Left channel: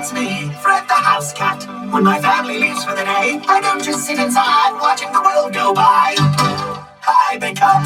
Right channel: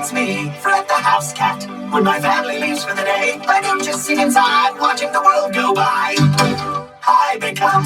That's me, Fred the house cat. When my family leaves for the day, I don't just sit inside watching the world go by. I become